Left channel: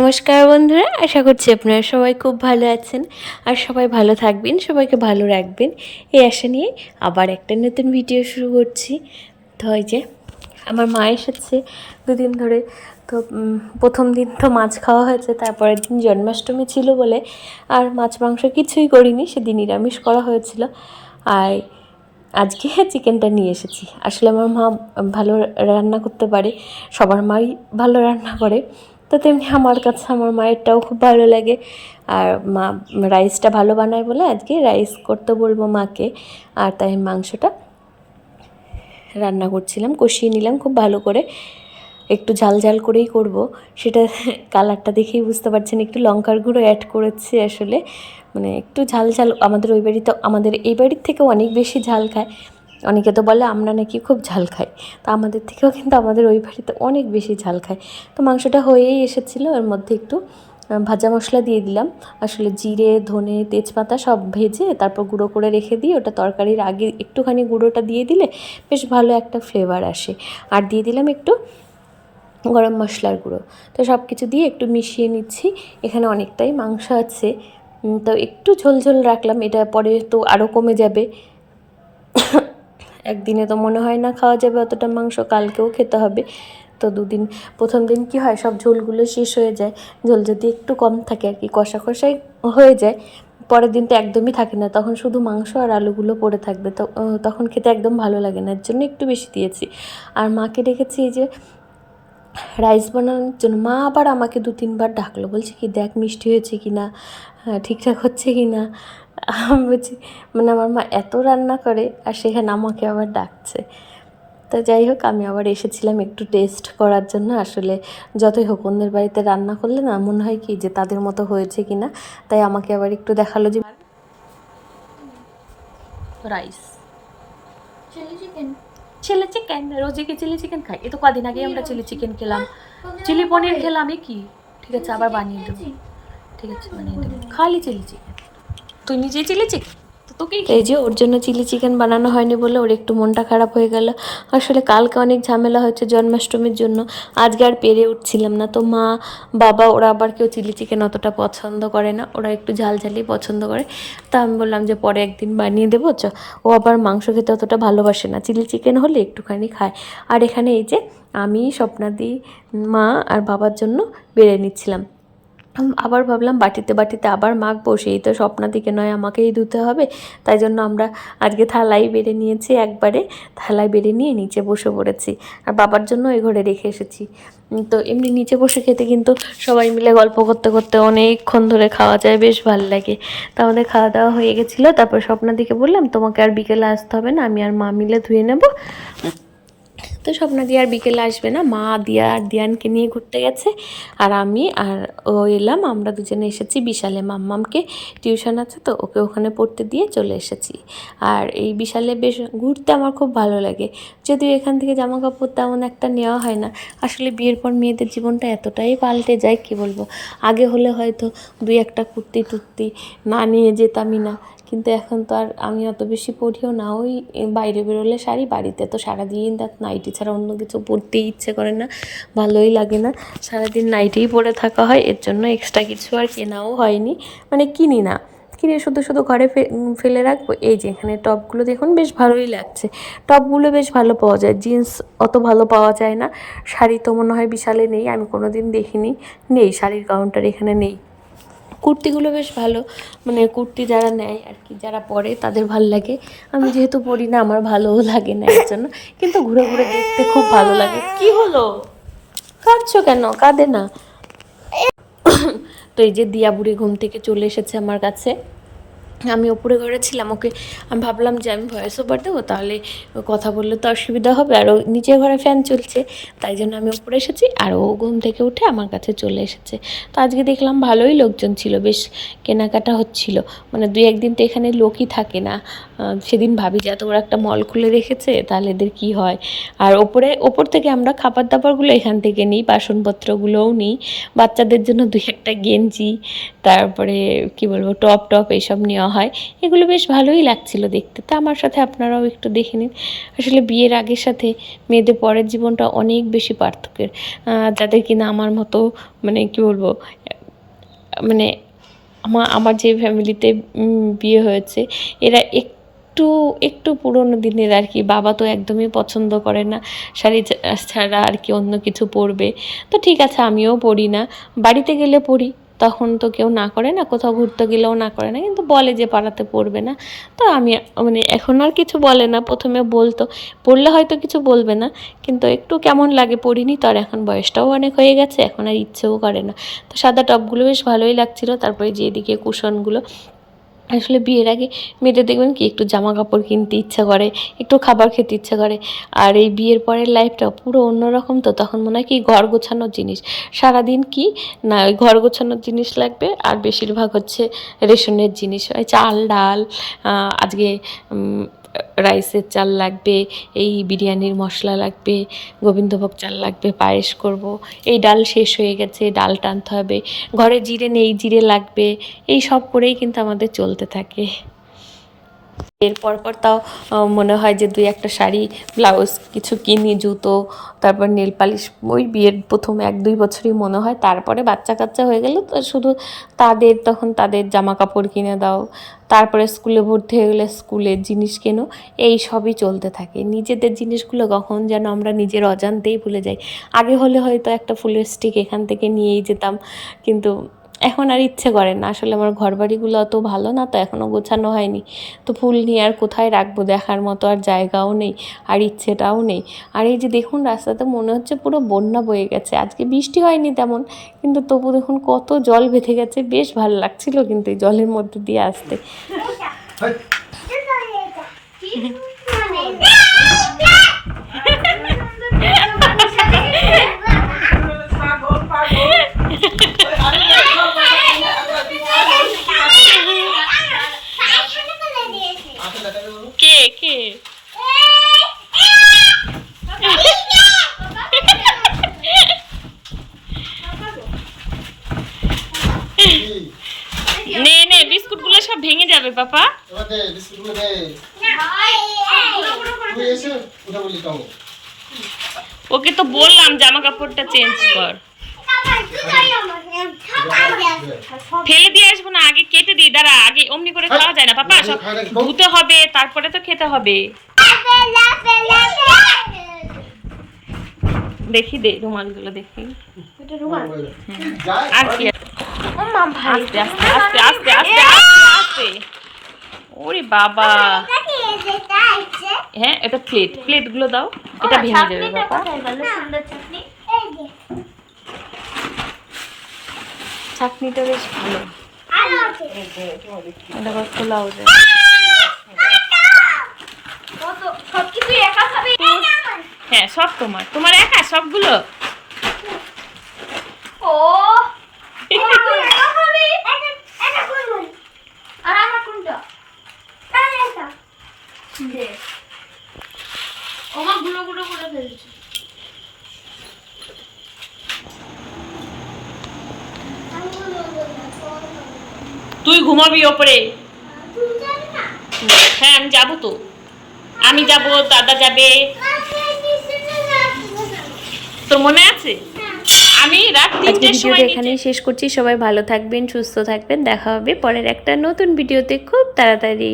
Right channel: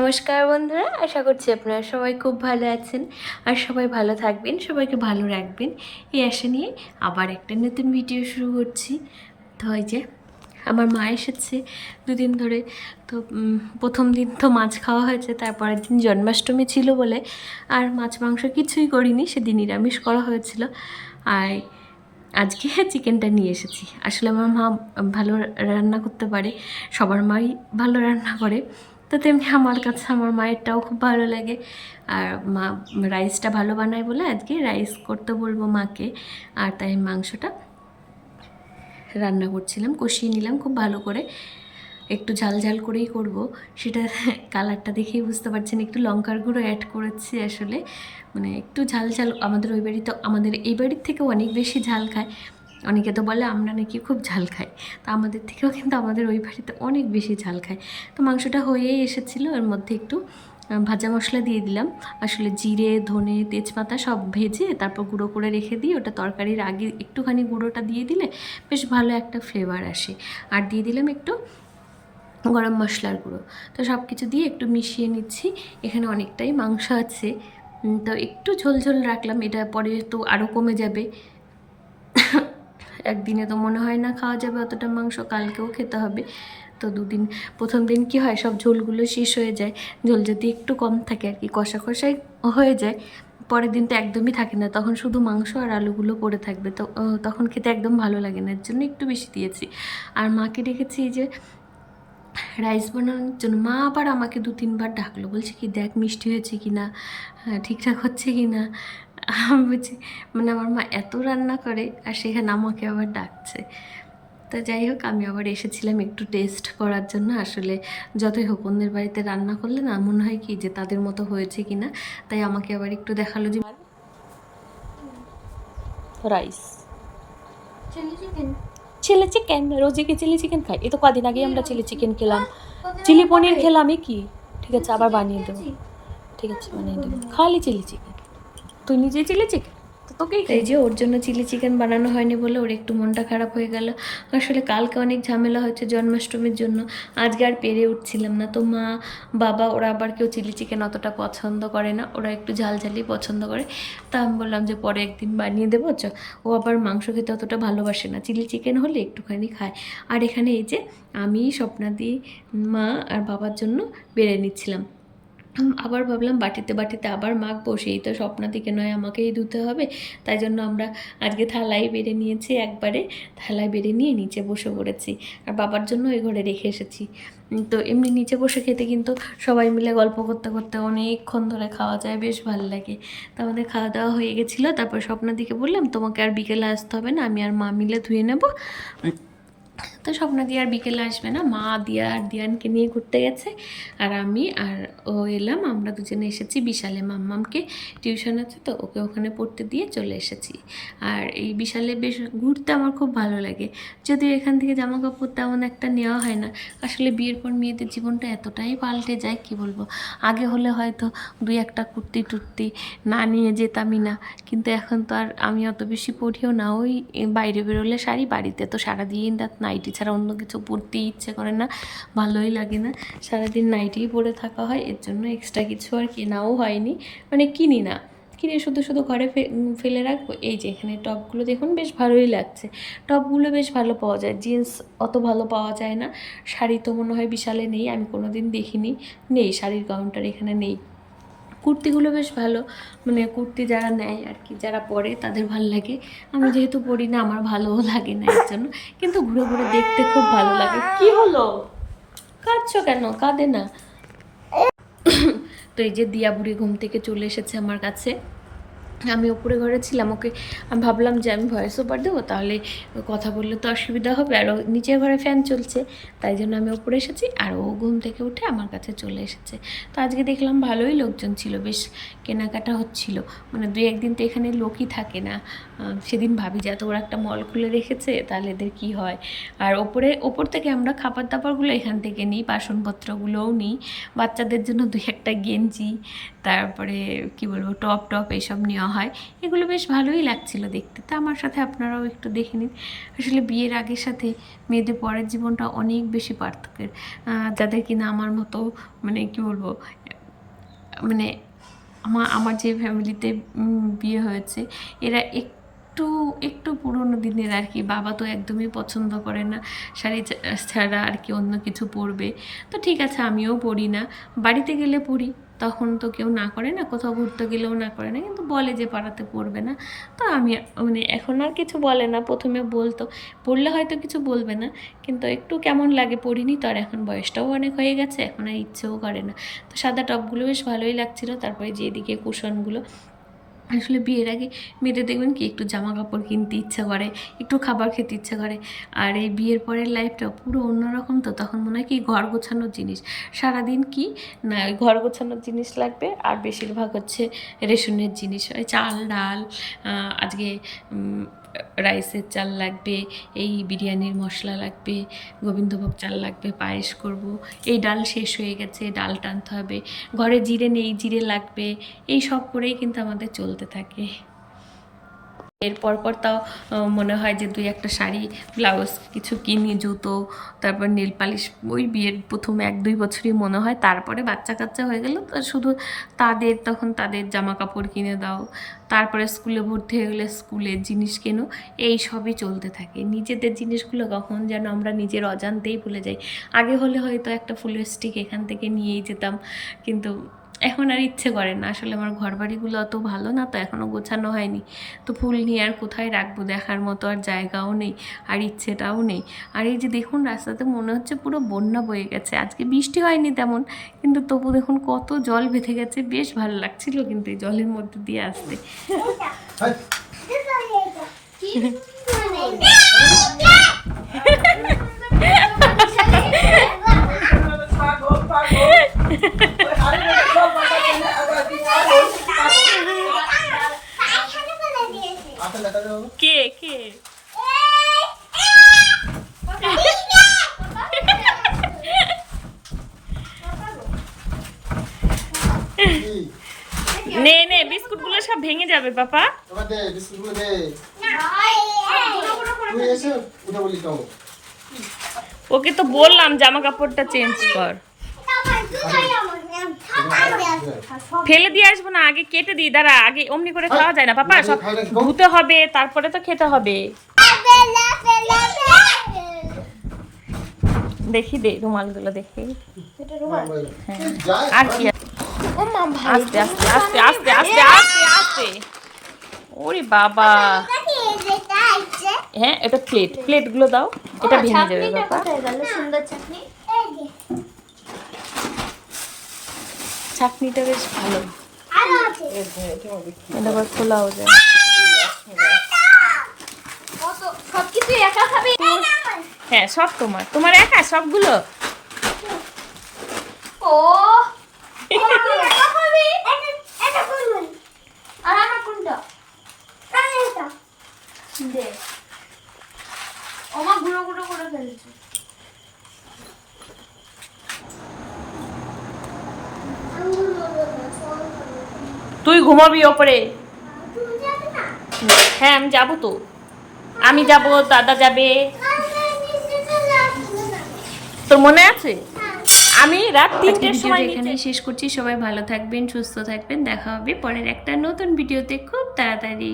নমস্কার বন্ধুরা, আশা করছি আপনারা সবাই খুব ভালো আছেন আর সবাই ভালো থাকবেন, সবাইকে ভালো রাখবেন এই আশা নিয়ে আবার একটা নতুন ভিডিও শুরু করছি। তো এই যে আমার মা এসেছে দুদিন ধরে। তো প্রথম দিন তো মাছ খাওয়া হয়েছে, তারপরের দিন জন্মাষ্টমী ছিল বলে আর মাছ মাংস কিছুই করিনি, সেদিন নিরামিষ করা হয়েছিল। আর আজকে চিকেনটা নিয়ে এসেছি। আসলে আমার মা ভালো রান্না করতে পারে, সবার মাই ভালো রান্না করে, তো তেমনি আমার কাছে আমার মায়েরটাও খুব ভালো লাগে। আর মা রাইসটা ভালো বানায় বলে আজকে রাইস করতে বলবো মাকে। আর তাই মাংসটা রান্না করছিলাম, কষিয়ে নিলাম খুব ভালো করে, একটু ঝাল ঝাল করেই করব। সেটা কালারটা দেখেই বুঝতে পারছেন, একটু লঙ্কার গুঁড়ো অ্যাড করেছি আসলে, মানে একটু ঝাল ঝাল। আমাদের ওই বাড়িতে, আমাদের এই বাড়ির থেকেও অনেক বেশি ঝাল খায়। অনেকে তো বলে আমরা নাকি খুব ঝাল খাই, তো আমাদের থেকেও কিন্তু আমাদের ওই বাড়িতে অনেক বেশি ঝাল খায়। তো মাংসটা হয়েই এসেছিলো, এর মধ্যে একটু ভাজা মশলা দিয়ে দিলাম। আসলে জিরে, ধনে, তেজপাতা সব ভেজে তারপর গুঁড়ো করে রেখে দিই, ওটা তরকারির আগে একটুখানি গুঁড়োটা দিয়ে দিলে বেশ ভালো একটা ফ্লেভার আসে। আর দিয়ে দিলাম একটু গরম মশলার গুঁড়ো। তো সব কিছু দিয়ে একটু মিশিয়ে নিচ্ছি। এখানে অনেকটাই মাংস আছে, তো একটু ঝোল ঝোল রাখলাম, এটা পরে তো আরও কমে যাবে। একদিনে তো মনে হয় না খাওয়া যাবে অতটা মাংস, কালকেও খেতে হবে। তো দুদিন, প্রথম দিন কি হয় সব ঝোলগুলো শেষ হয়ে যায়, ঝোল যদি একটু কম থাকে আর কি, কষা কষাই হয়ে যায়। পরের দিন তো একদমই থাকে না, তখন শুধু মাংস আর আলুগুলো পড়ে থাকবে, তো তখন খেতে একদম ভালো লাগে না, এর জন্য একটু বেশি দিয়েছি। আর মাকে ডেকেছি এই যে রাইস বানানোর জন্য। মা আবার আমাকে 2-3 বার ডাকলো, বলছে কি দেখ মিষ্টি হয়েছে কি না, হ্যাঁ ঠিকঠাক হচ্ছে কি না। আমি বলছি, মানে আমার মা এত রান্না করে আর সেখানে আমাকে আবার ডাকছে। তো যাই হোক, আমি আবার এসেছিলাম একটু টেস্ট করার জন্য। আসলে যতই হোক অন্যের বাড়িতে রান্না করলে না মনে হয় কি যে তাদের মতো হয়েছে কি না, তাই আমাকে আবার একটু দেখালো যে রাইস চিলি চিকেন, রোজই কি চিলি চিকেন খাই? এই তো কদিন আগেই আমরা চিলি চিকেন খেলাম, চিলি পনির খেলাম। কি ঠিক আছে, আবার বানিয়ে দেবো। ঠিক আছে, বানিয়ে দেবো। খালি চিলি চিকেন, তুই নিজেই চিলি চিকেন, তো তোকেই। এই যে ওর জন্য চিলি চিকেন বানানো হয়নি বলে ওর একটু মনটা খারাপ হয়ে গেল। আসলে কালকে অনেক ঝামেলা হয়েছে জন্মাষ্টমীর জন্য, আজকে আর পেরে উঠছিলাম না। তো মা, বাবা ওরা আবার কেউ চিলি চিকেন অতটা পছন্দ করে না, ওরা একটু ঝাল ঝালই পছন্দ করে। তা আমি বললাম যে পরে একদিন বানিয়ে দেবো চ। ও আবার মাংস খেতে অতটা ভালোবাসে না, চিলি চিকেন হলে একটুখানি খায়। আর এখানে এই যে আমি, স্বপ্নাদি, মা আর বাবার জন্য বেড়ে নিচ্ছিলাম। আবার ভাবলাম বাটিতে বাটিতে আবার মাখবো, সেই তো স্বপ্নাদিকে নয় আমাকেই ধুতে হবে। তাই জন্য আমরা আজকে থালাই বেড়ে নিয়েছি, একবারে থালায় বেড়ে নিয়ে নিচে বসে পড়েছি। আর বাবার জন্য এই ঘরে রেখে এসেছি। তো এমনি নিচে বসে খেতে কিন্তু সবাই মিলে গল্প করতে করতে অনেকক্ষণ ধরে খাওয়া যায়, বেশ ভালো লাগে। তো আমাদের খাওয়া দাওয়া হয়ে গেছিলো, তারপর স্বপ্নাদিকে বললাম তোমাকে আর বিকেলে আসতে হবে না, আমি আর মা মিলে ধুয়ে নেবো। তো স্বপ্নাদি আর বিকেলে আসবে না, মা দিয়া আর দিয়ানকে নিয়ে ঘুরতে গেছে, আর আমি আর ও এলাম। আমরা দুজনে এসেছি বিশালে, মাম্মামকে টিউশন আছে তো ওকে ওখানে পড়তে দিয়ে চলে এসেছি। আর এই বিশালে বেশ ঘুরতে আমার খুব ভালো লাগে, যদিও এখান থেকে জামা কাপড় তেমন একটা নেওয়া হয় না। আসলে বিয়ের পর মেয়েদের জীবনটা এতটাই পাল্টে যায়, কি বলবো। আগে হলে হয়তো 2-1টা কুর্তি টুর্তি না নিয়ে যেতামই না, কিন্তু এখন তো আর আমি অত বেশি পরিও না। ওই বাইরে বেরোলে শাড়ি, বাড়িতে তো সারাদিন রাত নাইটি ছাড়া অন্য কিছু পরতেই ইচ্ছে করে না, ভালোই লাগে না, সারাদিন নাইটিই পরে থাকা হয়। এর জন্য এক্সট্রা কিছু আর কেনাও হয়নি, মানে কিনি না, কিনে শুধু শুধু ঘরে ফেলে রাখবো। এই যে এখানে টপগুলো দেখুন, বেশ ভালোই লাগছে, টপগুলো বেশ ভালো পাওয়া যায়, জিন্স অত ভালো পাওয়া যায় না। শাড়ি তো মনে হয় বিশালে নেই, আমি কোনো দিন দেখিনি, নেই শাড়ির কাউন্টার এখানে নেই। কুর্তিগুলো বেশ ভালো, মানে কুর্তি যারা নেয় আর কি, যারা পরে তাদের ভালো লাগে। আমি যেহেতু পরি না আমার ভালোও লাগে না এর জন্য, কিন্তু ঘুরে ঘুরে দেখতে খুব ভালো লাগে। কি হলো, কাঁদছো কেন? কাঁদে না। তো এই যে দিয়া বুড়ি ঘুম থেকে চলে এসেছে আমার কাছে। আমি ওপরে ঘরে ছিলাম, ওকে আমি ভাবলাম যে আমি ভয়েস ওভার দেবো, তাহলে কথা বললে তো অসুবিধা হবে, আর ও নিচের ঘরে ফ্যান চলছে, তাই জন্য আমি ওপরে এসেছি। আর ও ঘুম থেকে উঠে আমার কাছে চলে এসেছে। তো আজকে দেখলাম ভালোই লোকজন ছিল, বেশ কেনাকাটা হচ্ছিল, মানে 2-1 দিন তো এখানে লোকই থাকে না। সেদিন ভাবি যে এত বড় একটা মল খুলে রেখেছে, তাহলে এদের কী হয়। আর ওপর থেকে আমরা খাবার দাবারগুলো এখান থেকে নিই, বাসনপত্রগুলোও নিই, বাচ্চাদের জন্য 2-1টা গেঞ্জি, তারপরে কি বলবো টপ এইসব নেওয়া হয়, এগুলো বেশ ভালোই লাগছিল দেখতে। তো আমার সাথে আপনারাও একটু দেখে নিন। আসলে বিয়ের আগের সাথে মেয়েদের পরের জীবনটা অনেক বেশি পার্থক্যের। যাদের কিনা আমার মতো মানে কী বলবো, মানে আমার যে ফ্যামিলিতে বিয়ে হয়েছে, এরা একটু একটু পুরোনো দিনের আর কি। বাবা তো একদমই পছন্দ করে না শাড়ি ছাড়া আর কি অন্য কিছু পরবে। তো ঠিক আছে, আমিও পরি না, বাড়িতে গেলে পরি, তখন তো কেউ না করে না, কোথাও ঘুরতে গেলেও না করে না, কিন্তু বলে যে পাড়াতে পরবে না। তো আমি মানে এখন আর কিছু বলে না, প্রথমে বলতো, পড়লে হয়তো কিছু বলবে না, কিন্তু একটু কেমন লাগে, পড়িনি তো। আর এখন বয়সটাও অনেক হয়ে গেছে, এখন আর ইচ্ছেও করে না। তো সাদা টপগুলো বেশ ভালোই লাগছিলো। তারপরে যে এদিকে কুশনগুলো, আসলে বিয়ের আগে মেয়েদের দেখবেন কি একটু জামা কাপড় কিনতে ইচ্ছা করে, একটু খাবার খেতে ইচ্ছা করে। আর এই বিয়ের পরের লাইফটা পুরো অন্যরকম। তো তখন মনে হয় কি ঘর গোছানোর জিনিস, সারাদিন কি না ওই ঘর গোছানোর জিনিস লাগবে। আর বেশিরভাগ হচ্ছে রেশনের জিনিস, ওই চাল ডাল, আজকে রাইসের চাল লাগবে, এই বিরিয়ানির মশলা লাগবে, গোবিন্দভোগ চাল লাগবে, পায়েস করব, এই ডাল শেষ হয়ে গেছে, ডাল টানতে হবে, ঘরে জিরে নেই, জিরে লাগবে, এই সব করেই কিন্তু আমাদের চলতে থাকে। এরপর তাও মনে হয় যে 2-1টা শাড়ি, ব্লাউজ কিছু কিনি, জুতো, তারপর নেল পালিশ। ওই বিয়ের প্রথম 1-2 বছরই মনে হয়। তারপরে বাচ্চা কাচ্চা হয়ে গেল তো শুধু তখন তাদের জামা কাপড় কিনে দাও, তারপরে স্কুলে ভর্তি হয়ে গেলে স্কুলের জিনিস কেনো, এই সবই চলতে থাকে। নিজেদের জিনিসগুলো কখন যেন আমরা নিজের অজান্তেই ভুলে যাই। আগে হলে হয়তো একটা ফুলের স্টিক এখান থেকে নিয়েই যেতাম, কিন্তু এখন আর ইচ্ছে করে না। আসলে আমার ঘরবাড়িগুলো অত ভালো না, তো এখনও গোছানো হয়নি। তো ফুল নিয়ে আর কোথায় রাখবো, দেখার মতো আর জায়গাও নেই, আর ইচ্ছেটাও নেই। আর এই যে দেখুন রাস্তাতে মনে হচ্ছে পুরো বন্যা বয়ে গেছে। আজকে বৃষ্টি হয়নি তেমন, কিন্তু তবু দেখুন কত জল বেঁধে গেছে। বেশ ভালো লাগছিল কিন্তু এই জলের মধ্যে দিয়ে আসতে। কে কে নে বিস্কুটগুলো সব ভেঙে যাবে পাপা। ওকে তো বললাম জামা কাপড়টা চেঞ্জ কর, ফেলে দিয়ে আসবো না, আগে কেটে দিই। দাঁড়া, আগে অমনি করে খাওয়া যায় না পাপা, সব ধুতে হবে তারপরে তো খেতে হবে। দেখি দে রুমালগুলো, দেখি আর কি। আস্তে আস্তে আস্তে আস্তে আস্তে আস্তে আস্তে, ওরে বাবা। হ্যাঁ, এটা প্লেটগুলো দাও, এটা ভেঙে যাবে বাবা। চাটনিটা বেশ ভালো, এটা আবার খোলাও যায়। হ্যাঁ, সব তোমার একা সবগুলো। তুই ঘুমাবি ওপরে? হ্যাঁ, আমি যাবো তো, আমি যাব, দাদা যাবে। তোর মনে আছে? আমি রাত 3টের সময় এখানেই শেষ করছি। সবাই ভালো থাকবেন, সুস্থ থাকবেন, দেখা হবে পরের একটা নতুন ভিডিওতে খুব তাড়াতাড়ি।